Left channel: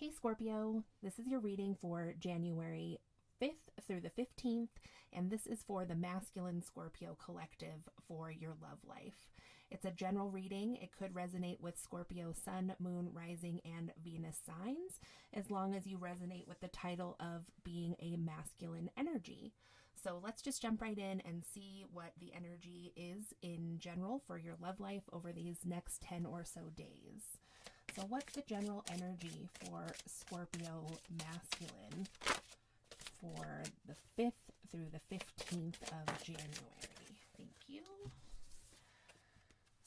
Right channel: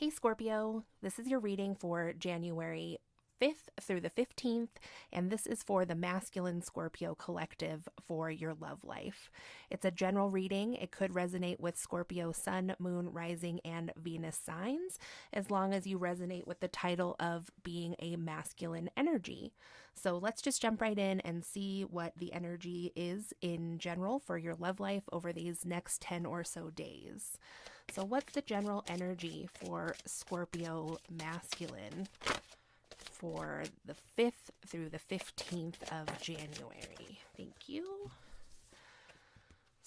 Hey Scorpio, this is your reading for January 5th through the 15th, and this is for the Masculine Scorpio Collective for your love life. It's a general reading. It could resonate with Scorpio Sun, Moon, Rising, and Venus signs, as long as you resonate with the title of being a masculine energy. So let's just jump right in and see what the energy is in general for your love life over these next 10 or so days. So, what's the general energy for Scorpio masculine for the 5th through the 15th of January? Thank you.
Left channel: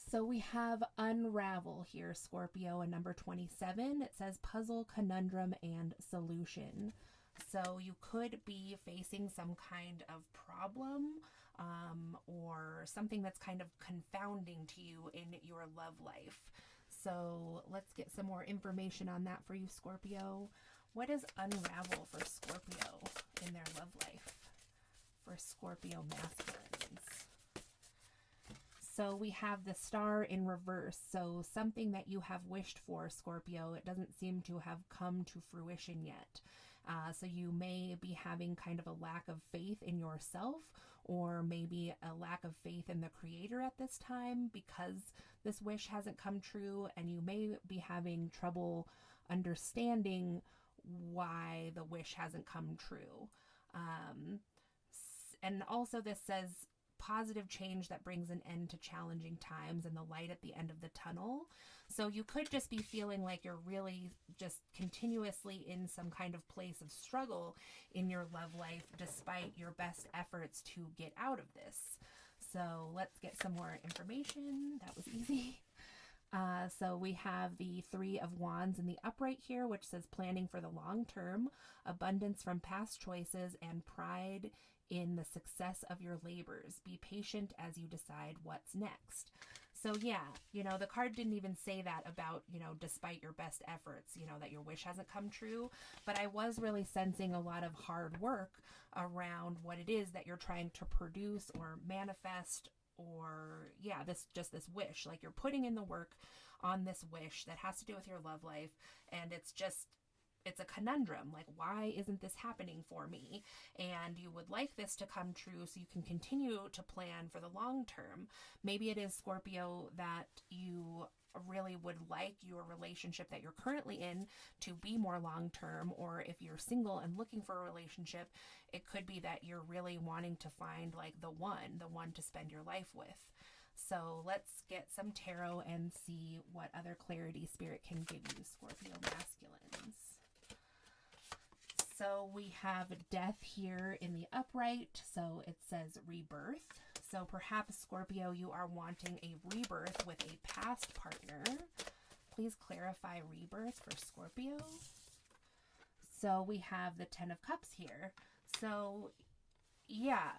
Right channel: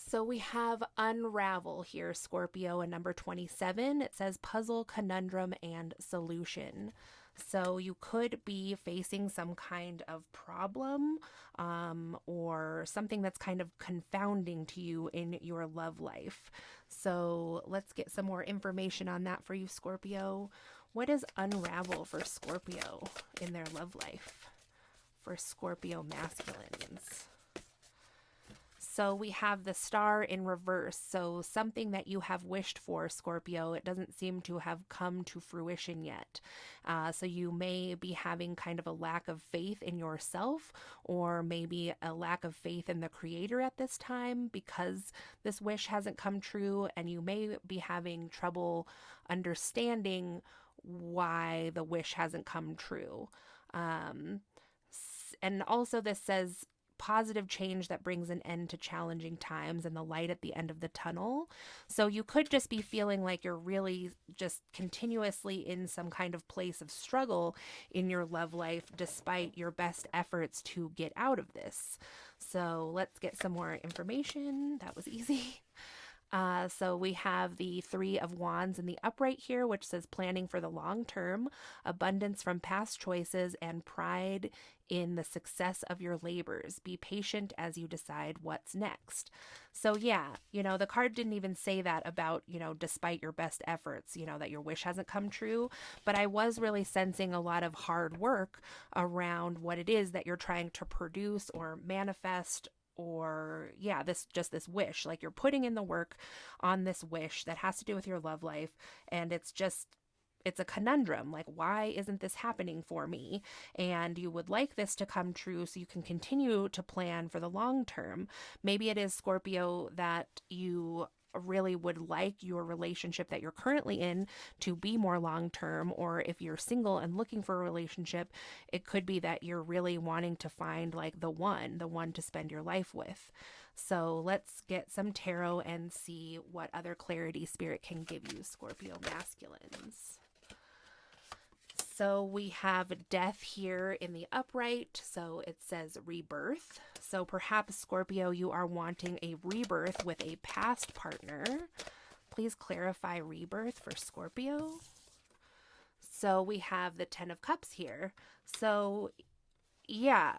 So we have Unravel here, Scorpio, and number 27. It says Puzzle, Conundrum, and Solution. So you could be facing some kind of problem or something that's kind of confounding to you in your love life. So let's get some more information on that for you, Scorpio. What is Unravel for Scorpio in their love life? For Scorpio masculines. So we have the Star in reverse. So something that you have wished for, Scorpio, it doesn't seem to have come to fruition yet. So you may be having kind of a lack of faith in yourself, or maybe a lack of faith in the Creator at this time because this wish hasn't come true, and you may be having trouble understanding why the wish hasn't come true. And also, this says positive change that brings an end to challenging times and the light at the end of the tunnel. So you could just be feeling like you're really just continuously in some kind of place of struggle in your love life despite your best efforts to get out of this. So let's get some more information. That was easy. So we have the Three of Wands in the upright here, which says planning for the long term, abundance from past choices, and pride in the success of your labors. Be patient as you decide what's next. So yeah, the card didn't even say that about, despite your best efforts, that your wish hasn't come true. But I was really sensing a lot of hard work around what it is that you're trying to produce or manifest, or this wish. Like, you're putting in the work on this wish that has to do with your love life, and it's a conundrum. Like, why isn't this happening for me? And you would like this to come true so you can continue to plan for the long term. Maybe it is, Scorpio, that you really would like your relationship that you're currently in to be more long term, or if you're single and looking for a relationship, it could be that you're really wanting to find like the one to spend your life with. So let's get some tarot and see what other clarity Spirit can give you, Scorpio masculines. So we have Death here in the upright, so it says rebirth. So perhaps, Scorpio, you are wanting a rebirth with a past partner. Please clarify rebirth for Scorpio. So we have the Ten of Cups here. So yeah,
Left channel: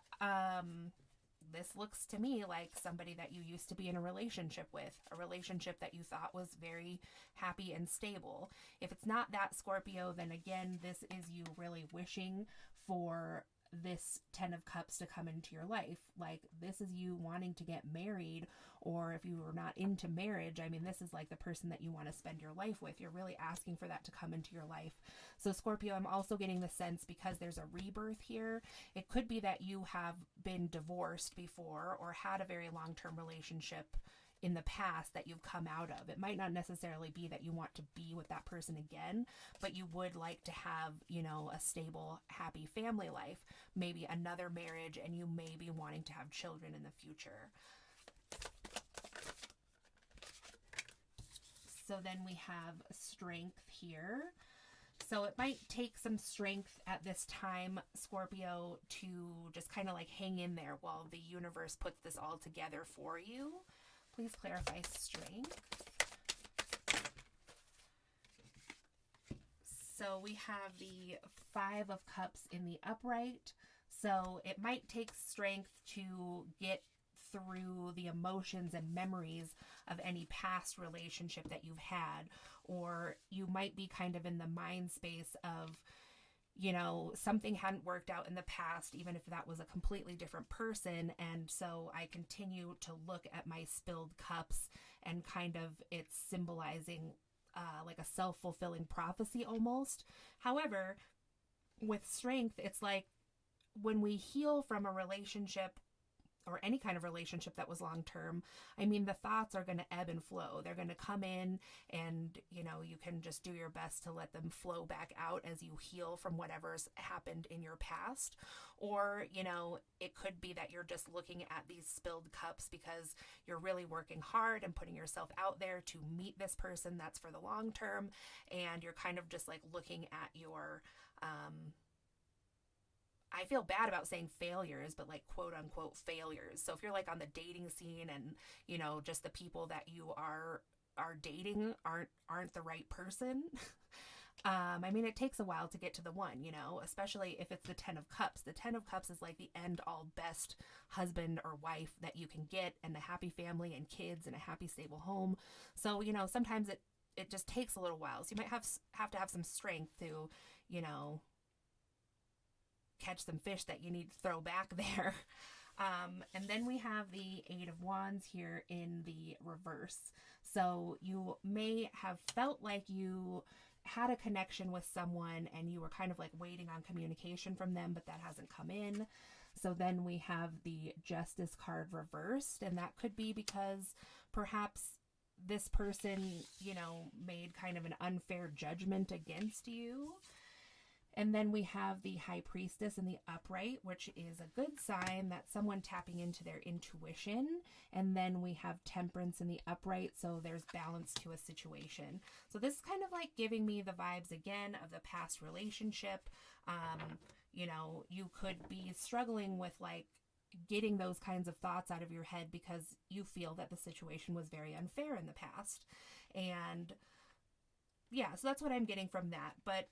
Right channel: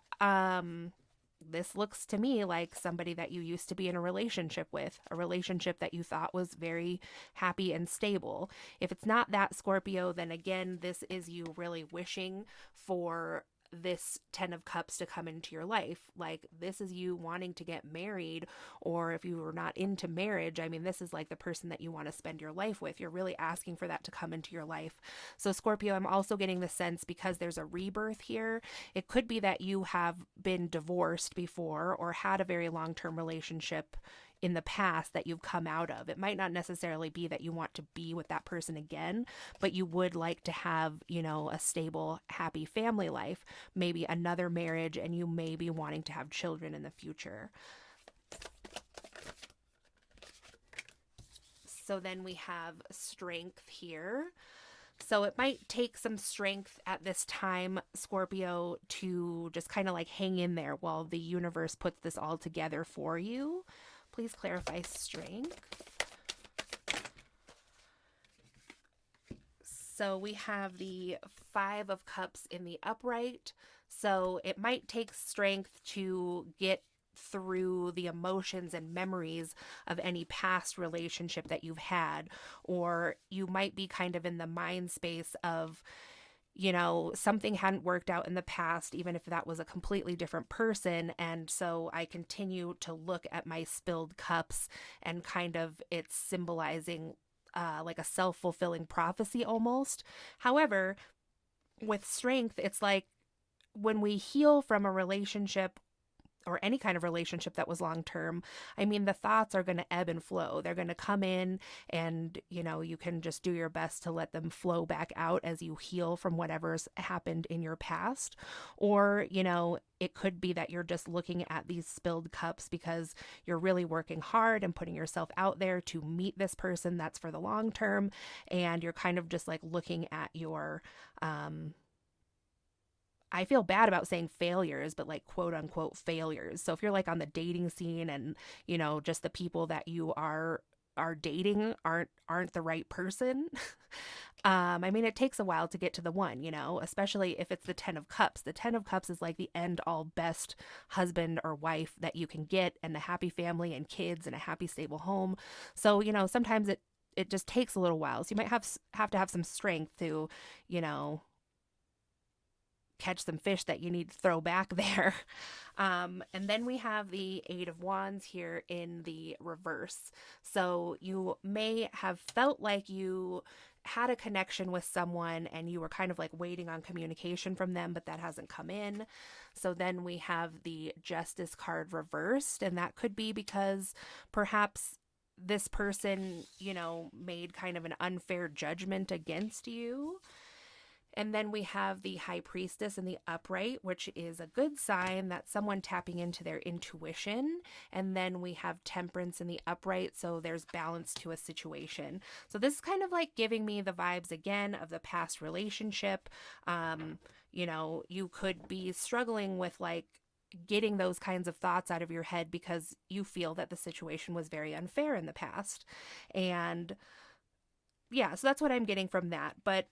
this looks to me like somebody that you used to be in a relationship with, a relationship that you thought was very happy and stable. If it's not that, Scorpio, then again, this is you really wishing for this Ten of Cups to come into your life. Like, this is you wanting to get married, or if you were not into marriage, I mean, this is like the person that you want to spend your life with. You're really asking for that to come into your life. So Scorpio, I'm also getting the sense, because there's a rebirth here, it could be that you have been divorced before or had a very long-term relationship in the past that you've come out of. It might not necessarily be that you want to be with that person again, but you would like to have, a stable, happy family life, maybe another marriage, and you may be wanting to have children in the future. So then we have Strength here. So it might take some strength at this time, Scorpio, to just kind of like hang in there while the universe puts this all together for you. Please clarify strength. So we have the Five of Cups in the upright. So it might take strength to get through the emotions and memories of any past relationship that you've had, or you might be kind of in the mind space of, something hadn't worked out in the past, even if that was a completely different person. And so I continue to look at my spilled cups, and kind of it's symbolizing like a self-fulfilling prophecy almost. However, with strength, it's like when we heal from a relationship or any kind of relationship that was long term, I mean, the thoughts are going to ebb and flow. They're going to come in, and you can just do your best to let them flow back out as you heal from whatever's happened in your past. Or, it could be that you're just looking at these spilled cups because you're really working hard and putting yourself out there to meet this person that's for the long term. And you're kind of just like looking at your, I feel bad about saying failures, but like quote unquote failures. So if you're like on the dating scene and, just the people that you are dating aren't the right person. I mean, it takes a while to get to the one, especially if it's the 10 of Cups. The 10 of Cups is like the end all best husband or wife that you can get, and the happy family and kids and a happy stable home. So, sometimes it just takes a little while. So you might have to have some strength to, you know, catch some fish that you need to throw back there. And then we have the Eight of Wands here in the reverse. So you may have felt like you had a connection with someone and you were kind of like waiting on communication from them, but that hasn't come in. So then we have the Justice card reversed, and that could be because perhaps this person, made kind of an unfair judgment against you. And then we have the High Priestess in the upright, which is a good sign that someone tapping into their intuition. And then we have Temperance in the upright, so there's balance to a situation. So this is kind of like giving me the vibes again of the past relationship. You could be struggling with like getting those kinds of thoughts out of your head because you feel that the situation was very unfair in the past. And yeah, so that's what I'm getting from that. But,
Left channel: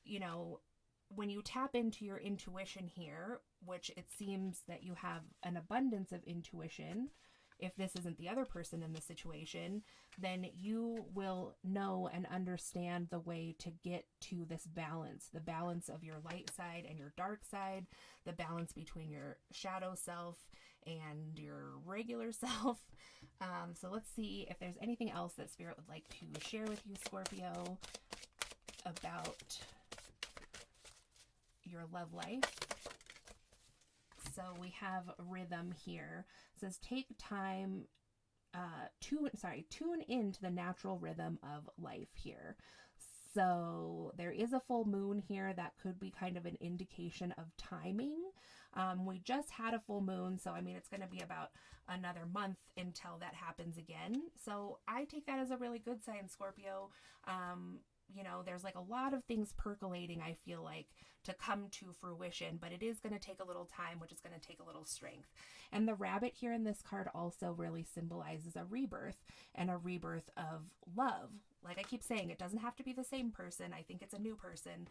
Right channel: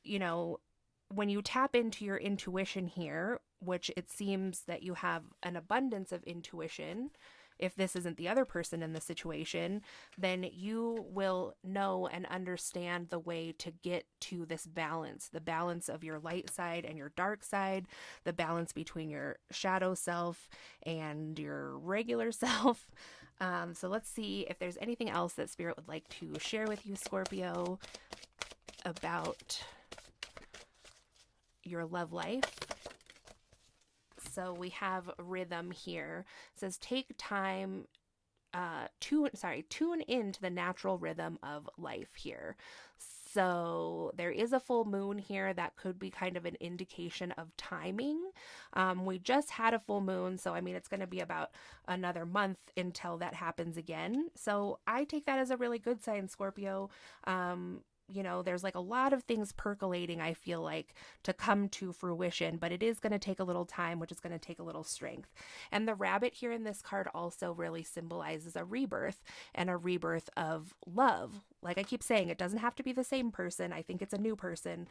when you tap into your intuition here, which it seems that you have an abundance of intuition, if this isn't the other person in the situation, then you will know and understand the way to get to this balance, the balance of your light side and your dark side, the balance between your shadow self and your regular self. So let's see if there's anything else that Spirit would like to share with you, Scorpio, about your love life. So we have rhythm here. It says take time tune into the natural rhythm of life here. So there is a full moon here that could be kind of an indication of timing. We just had a full moon, so I mean it's going to be about another month until that happens again. So I take that as a really good sign, Scorpio. There's like a lot of things percolating, I feel like, to come to fruition, but it is going to take a little time, which is going to take a little strength. And the rabbit here in this card also really symbolizes a rebirth, and a rebirth of love. Like I keep saying, it doesn't have to be the same person. I think it's a new person,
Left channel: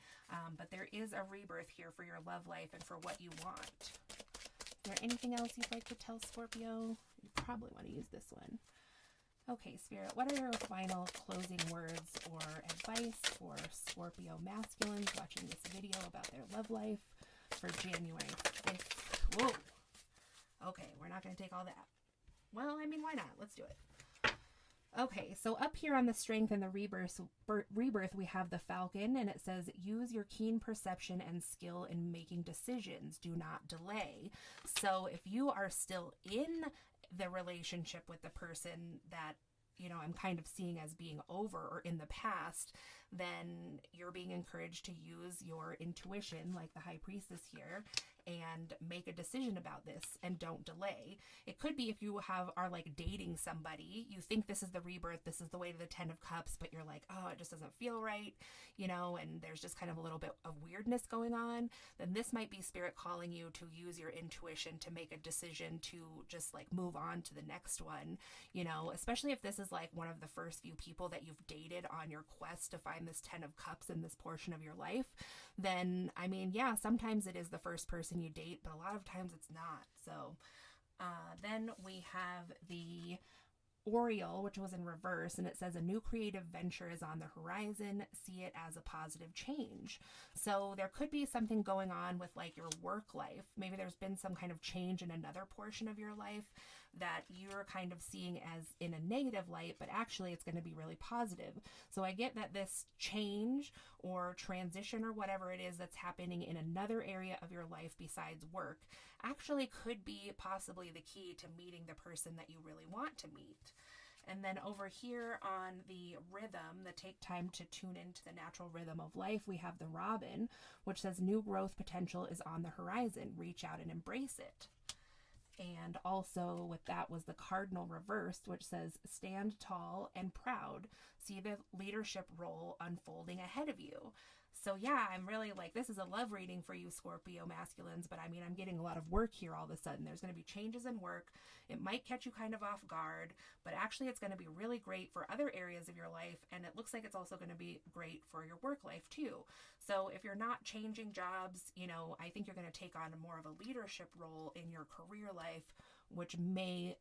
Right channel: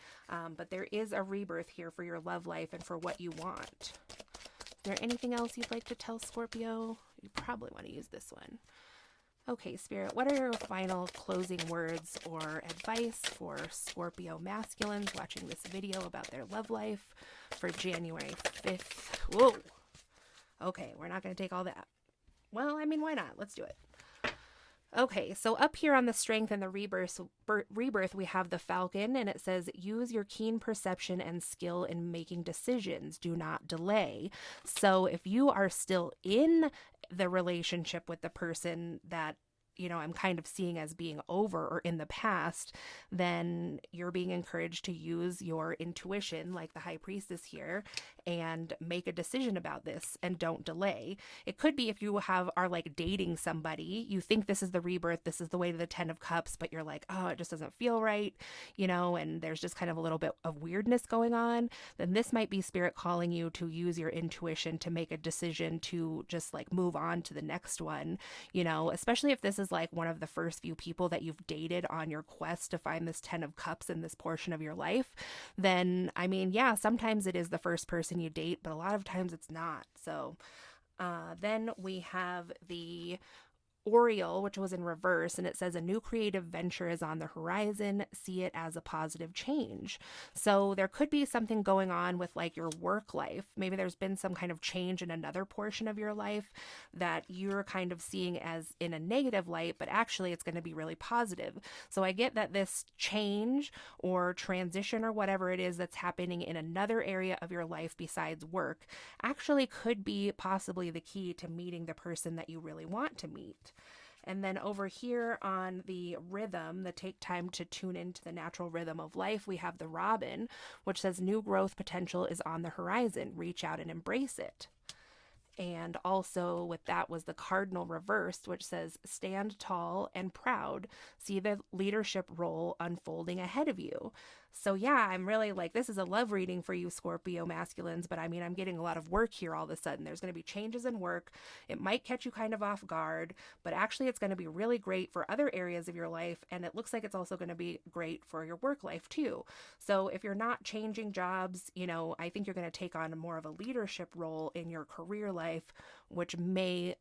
but there is a rebirth here for your love life and for what you want. Is there anything else you'd like to tell Scorpio? You probably want to use this one. Okay, Spirit, what are your final closing words or advice for Scorpio masculines watching this video about their love life for January 5th? Whoa. Okay, we're not going to take all that. Well, I mean, why not? Let's do it. Okay, so up here on the strength and the rebirth, we have the Falcon, and it says, use your keen perception and skill in making decisions. Do not delay. So if you are still in the relationship with the person that I'm kind of seeing as being over or in the past, then you're being encouraged to use your intuition, like the High Priestess here, and make a decision about this and don't delay. It could be if you are like dating somebody, you think this is the rebirth, this is the way to the 10 of Cups, but you're like, oh, it just doesn't feel right, and there's just kind of a little bit of weirdness going on, then this might be Spirit calling you to use your intuition to make a decision to just like move on to the next one, especially if this is like one of the first few people that you've dated on your quest to find this 10 of Cups in this portion of your life. Then I mean, yeah, sometimes it is the first person you date, but a lot of times it's not. So then we have the Oriole, which was in reverse, and it says a new creative venture is on the horizon. See it as a positive change. So there could be something going on with like your work life. Maybe there's been some kind of change in another portion of your life that you're kind of seeing as in a negative light, but actually it's going to be really positive. So I get that this change or transition or whatever it is that's happening in another area of your life besides work actually could be possibly the key to meeting the person that you really want to meet. And then over here on the rhythm, the take time to tune into the natural rhythm of life, we have the robin, which says new growth potential is on the horizon. Reach out and embrace it. And also with that was the cardinal reversed, which says stand tall and proud. See the leadership role unfolding ahead of you. So yeah, I'm really like, this is a love reading for you Scorpio masculines, but I mean, I'm getting a lot of work here all of a sudden. There's going to be changes in work. It might catch you kind of off guard, but actually it's going to be really great for other areas of your life. And it looks like it's also going to be great for your work life too. So if you're not changing jobs, you know, I think you're going to take on more of a leadership role in your career life, which may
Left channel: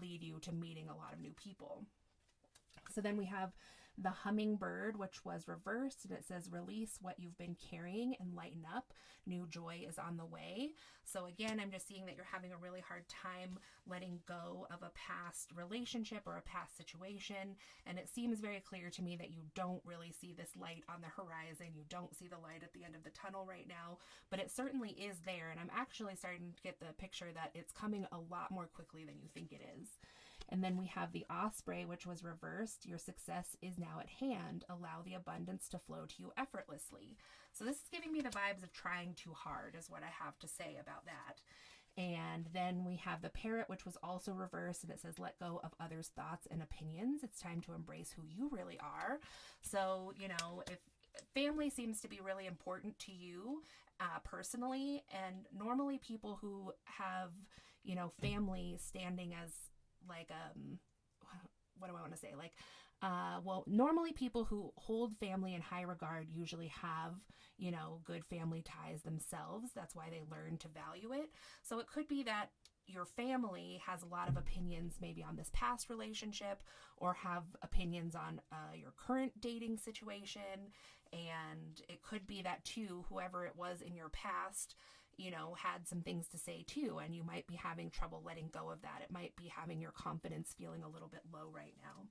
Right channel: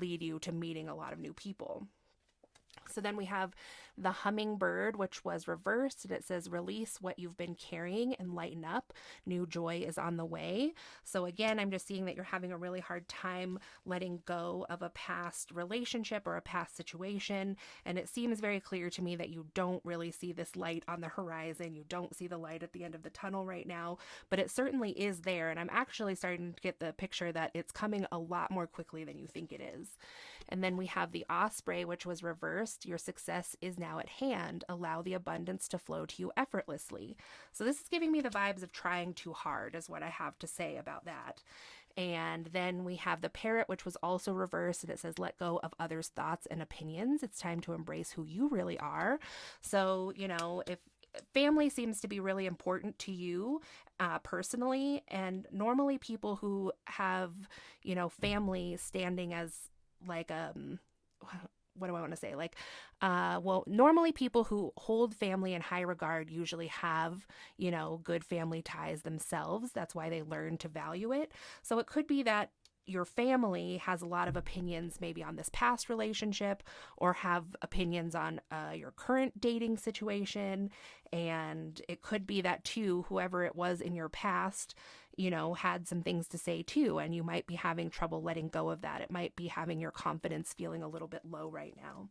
lead you to meeting a lot of new people. So then we have the hummingbird, which was reversed, and it says release what you've been carrying and lighten up. New joy is on the way. So again, I'm just seeing that you're having a really hard time letting go of a past relationship or a past situation. And it seems very clear to me that you don't really see this light on the horizon. You don't see the light at the end of the tunnel right now, but it certainly is there. And I'm actually starting to get the picture that it's coming a lot more quickly than you think it is. And then we have the osprey, which was reversed. Your success is now at hand. Allow the abundance to flow to you effortlessly. So this is giving me the vibes of trying too hard, is what I have to say about that. And then we have the parrot, which was also reversed, and it says, let go of others' thoughts and opinions. It's time to embrace who you really are. So, you know, if family seems to be really important to you personally, and normally people who have, you know, family standing as like what do I want to say, like well, normally people who hold family in high regard usually have, you know, good family ties themselves. That's why they learn to value it. So it could be that your family has a lot of opinions maybe on this past relationship, or have opinions on your current dating situation. And it could be that too, whoever it was in your past, you know, had some things to say too, and you might be having trouble letting go of that. It might be having your confidence feeling a little bit low right now.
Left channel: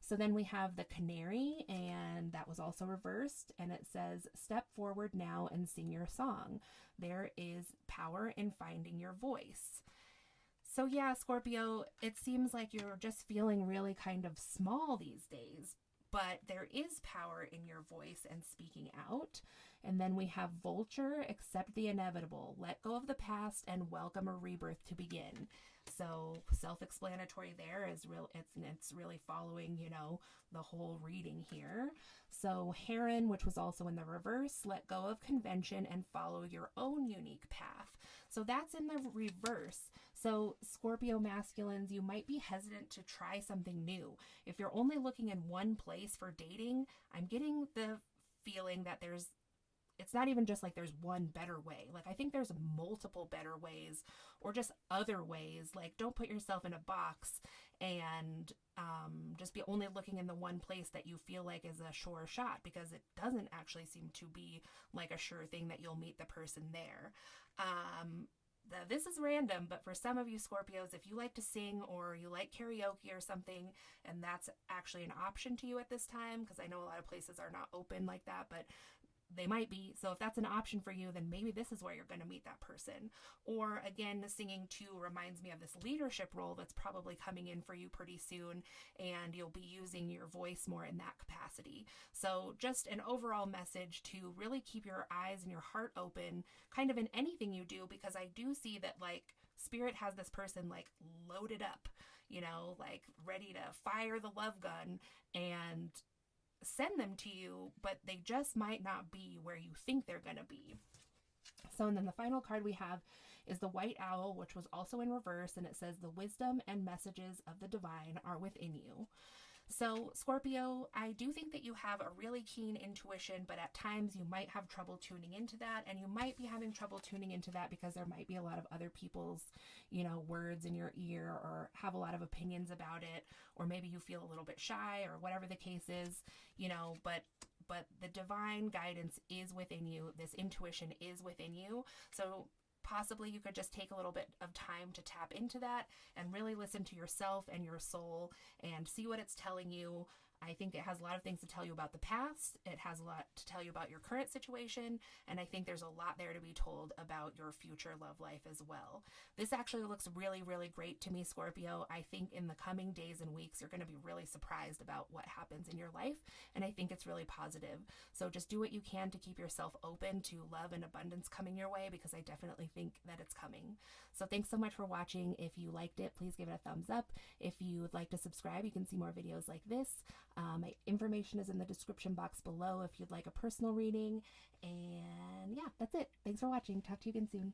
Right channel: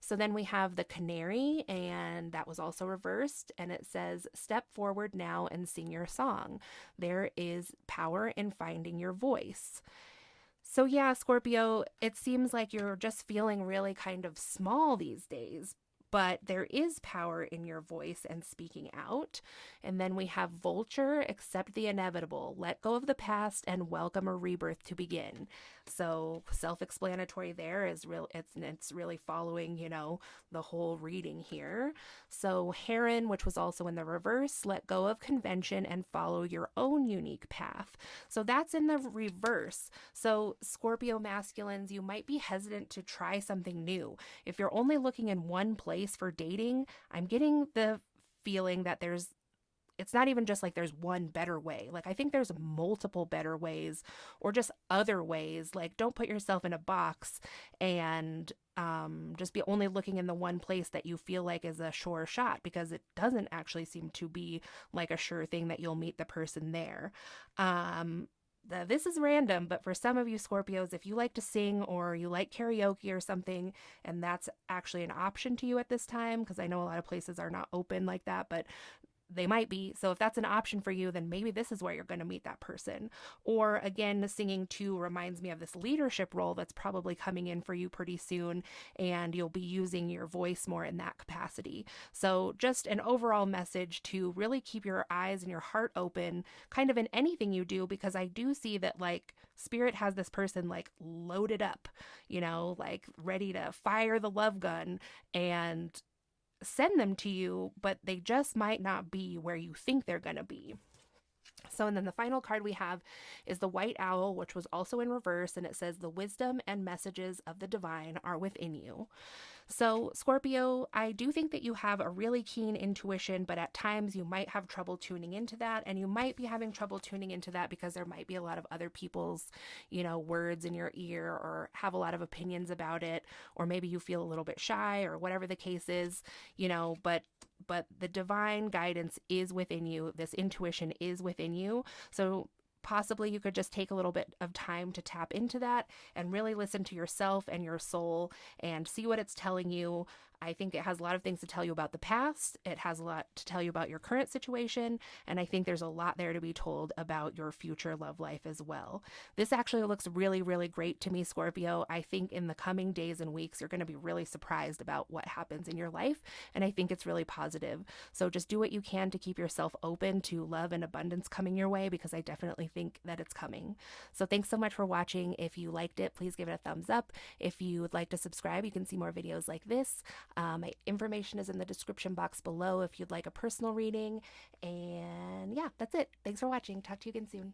So then we have the canary, and that was also reversed, and it says, step forward now and sing your song. There is power in finding your voice. So yeah, Scorpio, it seems like you're just feeling really kind of small these days, but there is power in your voice and speaking out. And then we have vulture, accept the inevitable, let go of the past and welcome a rebirth to begin. So self-explanatory there is real. It's really following, you know, the whole reading here. So heron, which was also in the reverse, let go of convention and follow your own unique path. So that's in the reverse. So Scorpio masculines, you might be hesitant to try something new. If you're only looking in one place for dating, I'm getting the feeling that it's not even just like there's one better way. Like, I think there's multiple better ways, or just other ways. Like, don't put yourself in a box and just be only looking in the one place that you feel like is a sure shot, because it doesn't actually seem to be like a sure thing that you'll meet the person there. This is random, but for some of you Scorpios, if you like to sing or you like karaoke or something, and that's actually an option to you at this time, because I know a lot of places are not open like that, but they might be. So if that's an option for you, then maybe this is where you're going to meet that person. Or again, the singing too reminds me of this leadership role that's probably coming in for you pretty soon, and you'll be using your voice more in that capacity. So just an overall message to really keep your eyes and your heart open kind of in anything you do, because I do see that like Spirit has this person like loaded up, you know, like ready to fire the love gun and send them to you, but they just might not be where you think they're going to be. So, and then the final card we have is the white owl, which was also in reverse, and it says the wisdom and messages of the divine are within you. So, Scorpio, I do think that you have a really keen intuition, but at times you might have trouble tuning into that. And you might be having trouble tuning into that because there might be a lot of other people's, words in your ear, or have a lot of opinions about it. Or maybe you feel a little bit shy, or whatever the case is, but the divine guidance is within you. This intuition is within you. So possibly you could just take a little bit of time to tap into that and really listen to yourself and your soul and see what it's telling you. I think it has a lot of things to tell you about the past. It has a lot to tell you about your current situation. And I think there's a lot there to be told about your future love life as well. This actually looks really, really great to me, Scorpio. I think in the coming days and weeks, you're going to be really surprised about what happens in your life. And I think it's really positive. So just do what you can to keep yourself open to love and abundance coming your way, because I definitely think that it's coming. So thanks so much for watching. If you liked it, please give it a thumbs up. If you would like to subscribe, you can see more videos like this. My information is in the description box below if you'd like a personal reading. And yeah, that's it. Thanks for watching. Talk to you again soon.